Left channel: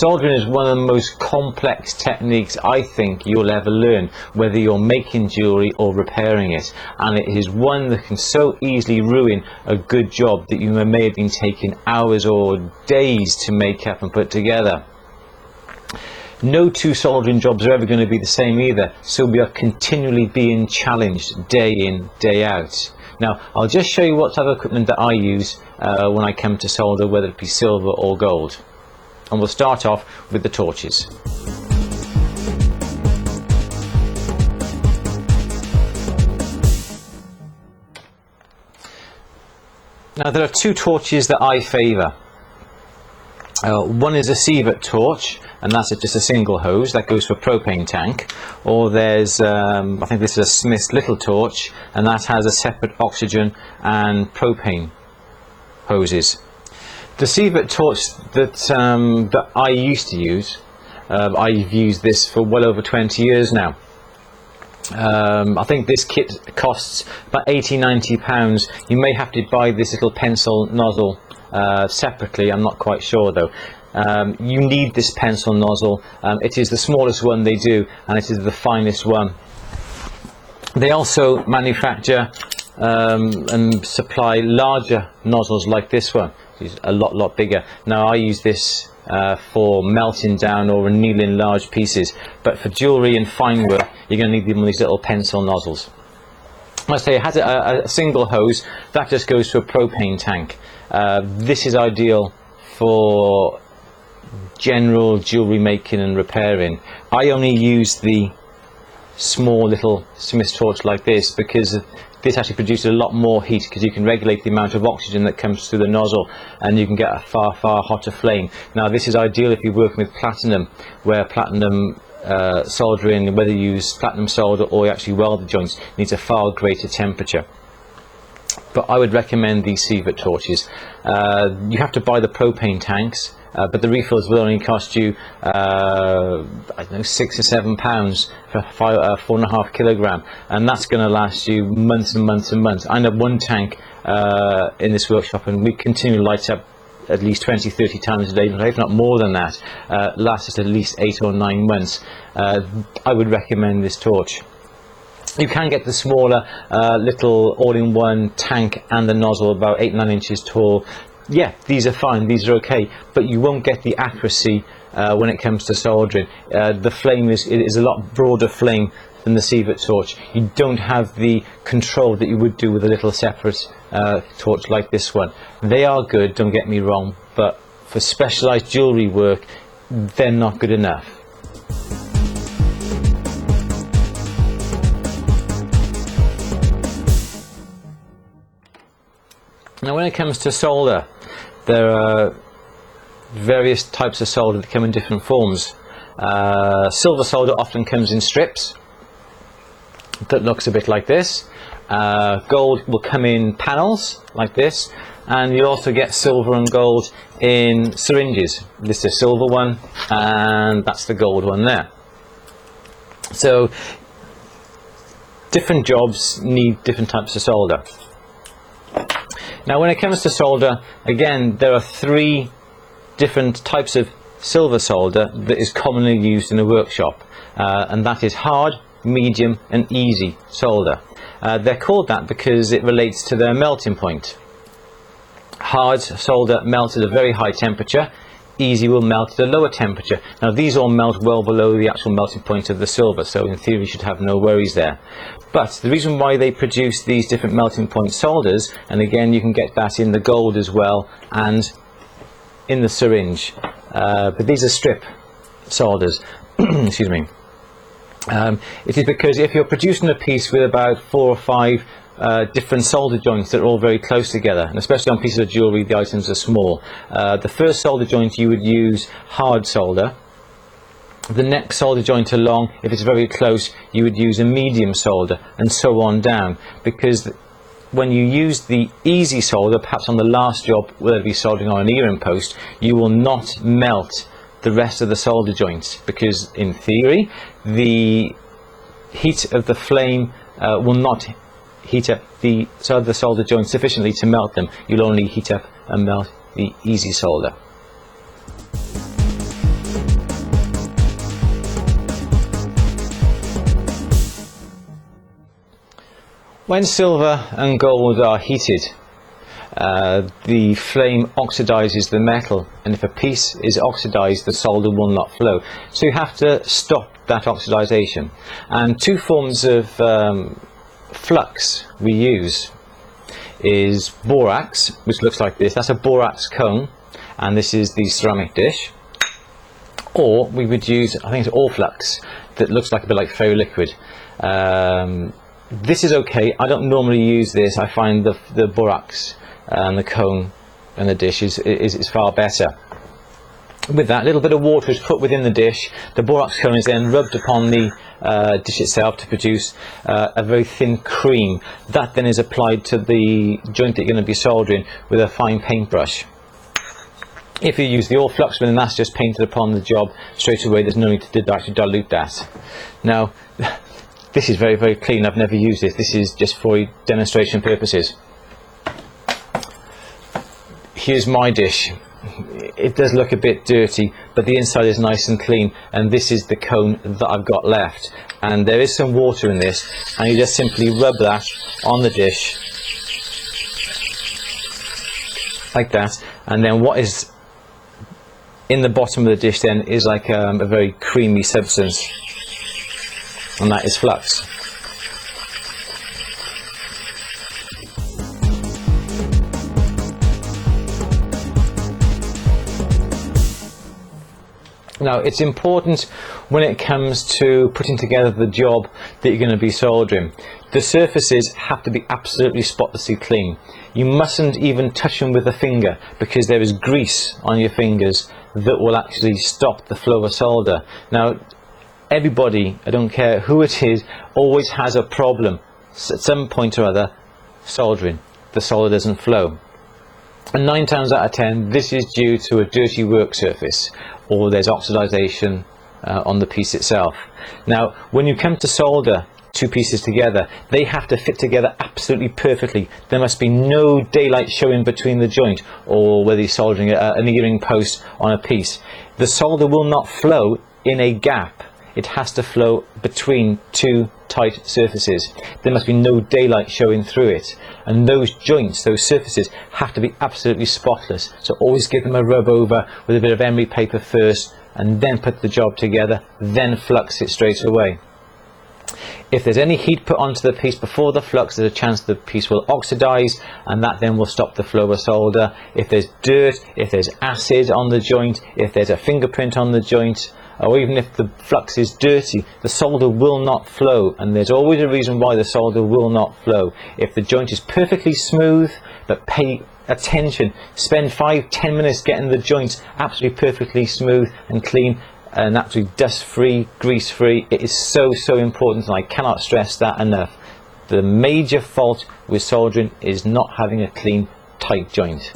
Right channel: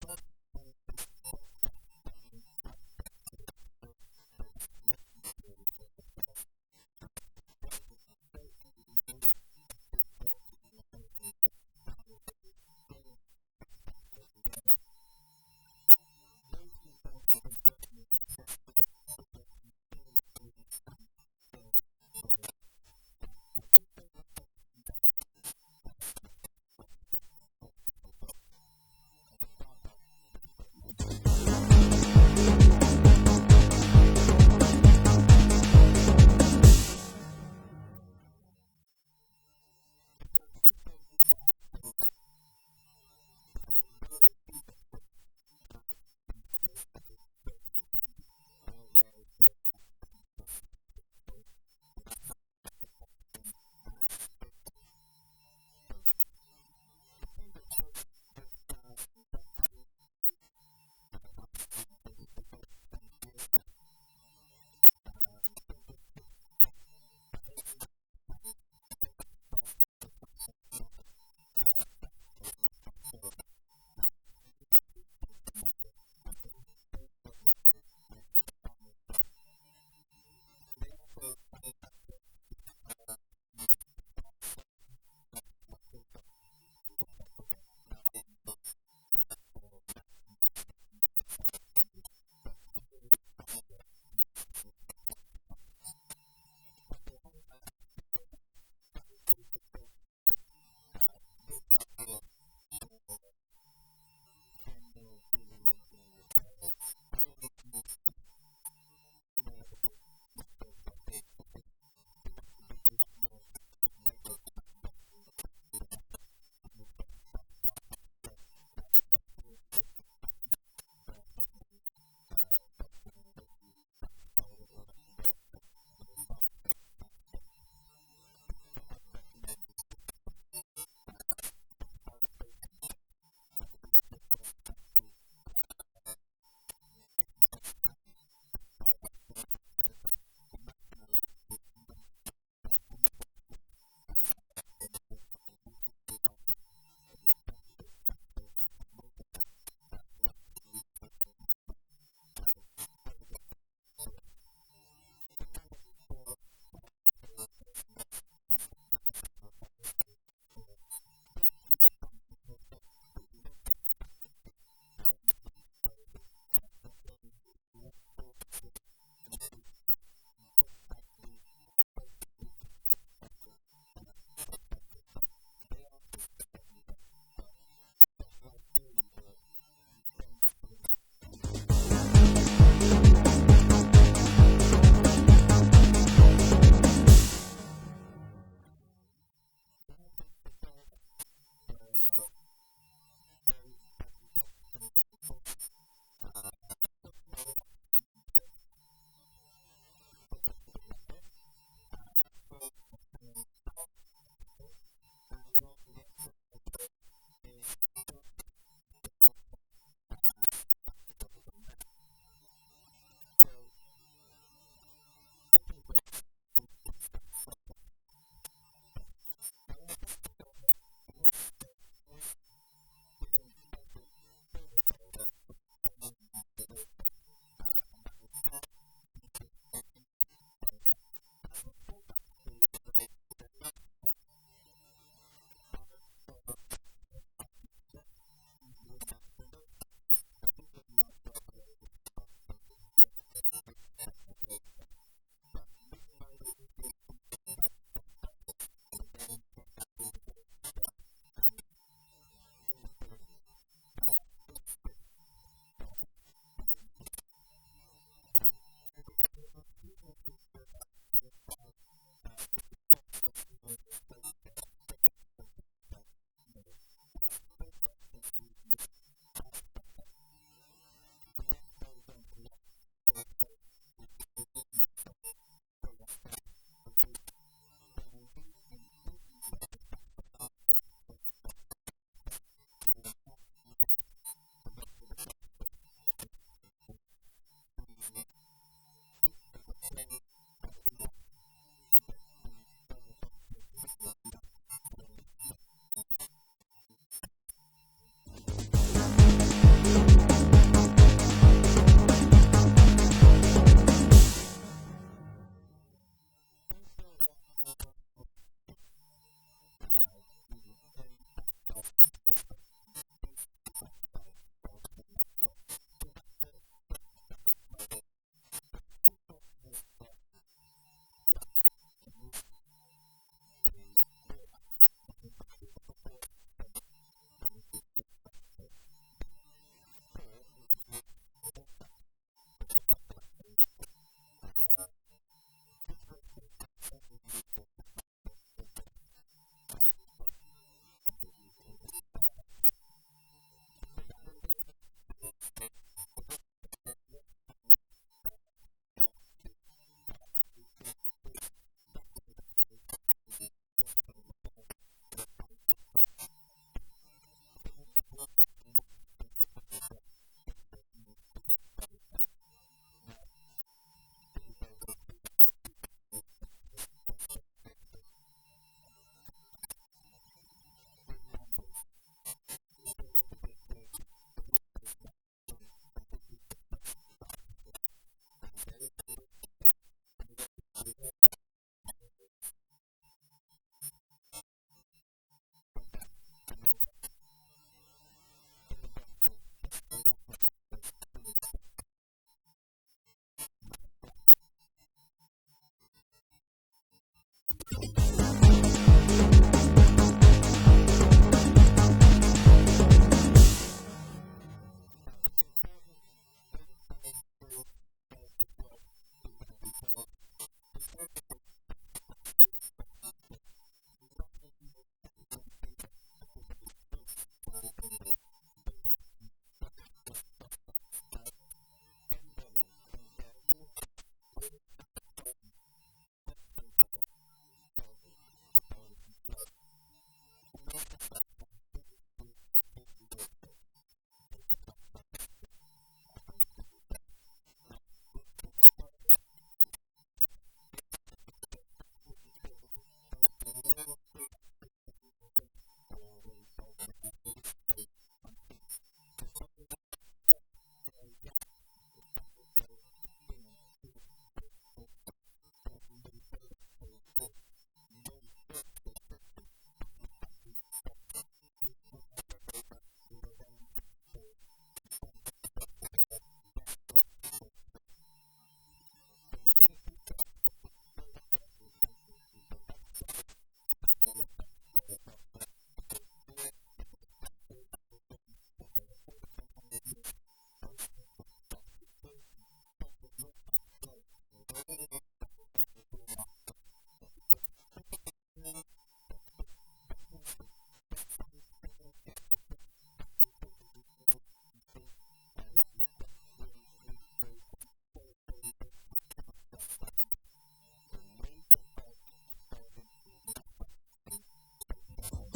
Soldering is one of the most complex techniques I think you'll ever learn, whether you're making jewellery or repairing it, and it is one that can so easily ruin a good job that you may have been taking hours or days to make up and put together. No two soldering jobs are ever going to be the same either, so we are continually being challenged day in, day out. Now, I'll just show you what type of equipment that I use when I come to solder, whether it be silver or gold. And we'll start off with the torches. Now, there are two torches that I favour. One is a sievert torch, and that's just a single hose that goes for a propane tank. Or there's, I think this is a Smith's little torch, and that has a separate oxygen and propane hoses. The sievert torch that I used to use, I've used this for well over 20 years now. I think this kit costs about £80–90. You may have to buy this little pencil nozzle separately, I'm not quite sure though. You need this pencil nozzle. It is the smallest one they do, and it is the finest one. They also manufacture and supply larger nozzles like this one. It's a lot bigger. Now I use this for melting down or annealing large pieces, but for jewellery and fine work you're going to need one of these little pencil nozzles. I say it has a single hose that just goes to a propane tank. This is ideal for general jewellery making and repairing. I only use the small little Smith's torch like this because this actually produces a lot more heat, because you can regulate the amount of oxygen that comes through the nozzle and you can get a far hotter flame. Now this is ideal if you're working with platinum, where platinum soldering, whether you use platinum solder or you actually weld the joints, needs a far greater temperature. But I would recommend these sievert torches. You have to buy the propane tanks, but the refills will only cost you I don't know, £6 or £7 for 4.5 kilogram, and that's going to last you months and months and months. I know one tank in this workshop, and we continually light up at least 20–30 times a day, if not more than that. Lasts us at least 8 or 9 months. I would recommend this torch. You can get the smaller little all-in-one tank and the nozzle about 8–9 inches tall. Yeah, these are fine, these are okay, but you won't get the accuracy when it comes to soldering. The flame is a lot broader flame than the sievert torch. You don't have the control that you would do with a little separate torch like this one. They are good, don't get me wrong, but for specialised jewellery work, they're not good enough. Now when it comes to solder, there are various types of solder that come in different forms. Silver solder often comes in strips that looks a bit like this. Gold will come in panels like this, and you'll also get silver and gold in syringes. This is a silver one and that's the gold one there. So different jobs need different types of solder. Now when it comes to solder, again, there are 3 different types of silver solder that is commonly used in a workshop, and that is hard, medium and easy solder. They're called that because it relates to their melting point. Hard solder melts at a very high temperature, easy will melt at a lower temperature. Now these all melt well below the actual melting point of the silver, so in theory you should have no worries there. But the reason why they produce these different melting point solders, and again you can get that in the gold as well and in the syringe, but these are strip solders, excuse me. It is because if you're producing a piece with about 4 or 5 different solder joints that are all very close together, and especially on pieces of jewellery the items are small, the first solder joint you would use hard solder. The next solder joint along, if it's very close, you would use a medium solder, and so on down, because when you use the easy solder, perhaps on the last job, whether it be soldering on an earring post, you will not melt the rest of the solder joints, because in theory the heat of the flame will not heat up the solder joints sufficiently to melt them. You'll only heat up and melt the easy solder. When silver and gold are heated, the flame oxidizes the metal, and if a piece is oxidized, the solder will not flow. So you have to stop that oxidization. And two forms of flux we use is borax, which looks like this. That's a borax cone, and this is the ceramic dish. Or we would use, I think it's all flux, that looks like a bit like ferroliquid. This is okay. I don't normally use this. I find the borax and the cone and the dish is far better. With that, a little bit of water is put within the dish. The borax cone is then rubbed upon the dish itself to produce a very thin cream. That then is applied to the joint that you're going to be soldering with a fine paintbrush. If you use the all flux, then that's just painted upon the job straight away. There's no need to actually dilute that. Now, this is very, very clean. I've never used this. This is just for demonstration purposes. Here's my dish. It does look a bit dirty, but the inside is nice and clean, and this is the cone that I've got left. And there is some water in this, and you just simply rub that on the dish like that, and then what is in the bottom of the dish then is like a very creamy substance, and that is flux. Now, it's important when it comes to putting together the job that you're going to be soldering. The surfaces have to be absolutely spotlessly clean. You mustn't even touch them with a finger, because there is grease on your fingers that will actually stop the flow of solder. Now, everybody, I don't care who it is, always has a problem at some point or other soldering. The solder doesn't flow. And 9 times out of 10, this is due to a dirty work surface, or there's oxidization on the piece itself. Now, when you come to solder two pieces together, they have to fit together absolutely perfectly. There must be no daylight showing between the joint, or whether you're soldering an earring post on a piece. The solder will not flow in a gap. It has to flow between two tight surfaces. There must be no daylight showing through it. And those joints, those surfaces, have to be absolutely spotless. So always give them a rub over with a bit of emery paper first, and then put the job together, then flux it straight away. If there's any heat put onto the piece before the flux, there's a chance the piece will oxidize, and that then will stop the flow of solder. If there's dirt, if there's acid on the joint, if there's a fingerprint on the joint, or even if the flux is dirty, the solder will not flow, and there's always a reason why the solder will not flow. If the joint is perfectly smooth, but pay attention, spend 5-10 minutes getting the joints absolutely perfectly smooth and clean and absolutely dust free, grease free. It is so important, and I cannot stress that enough. The major fault with soldering is not having a clean, tight joint.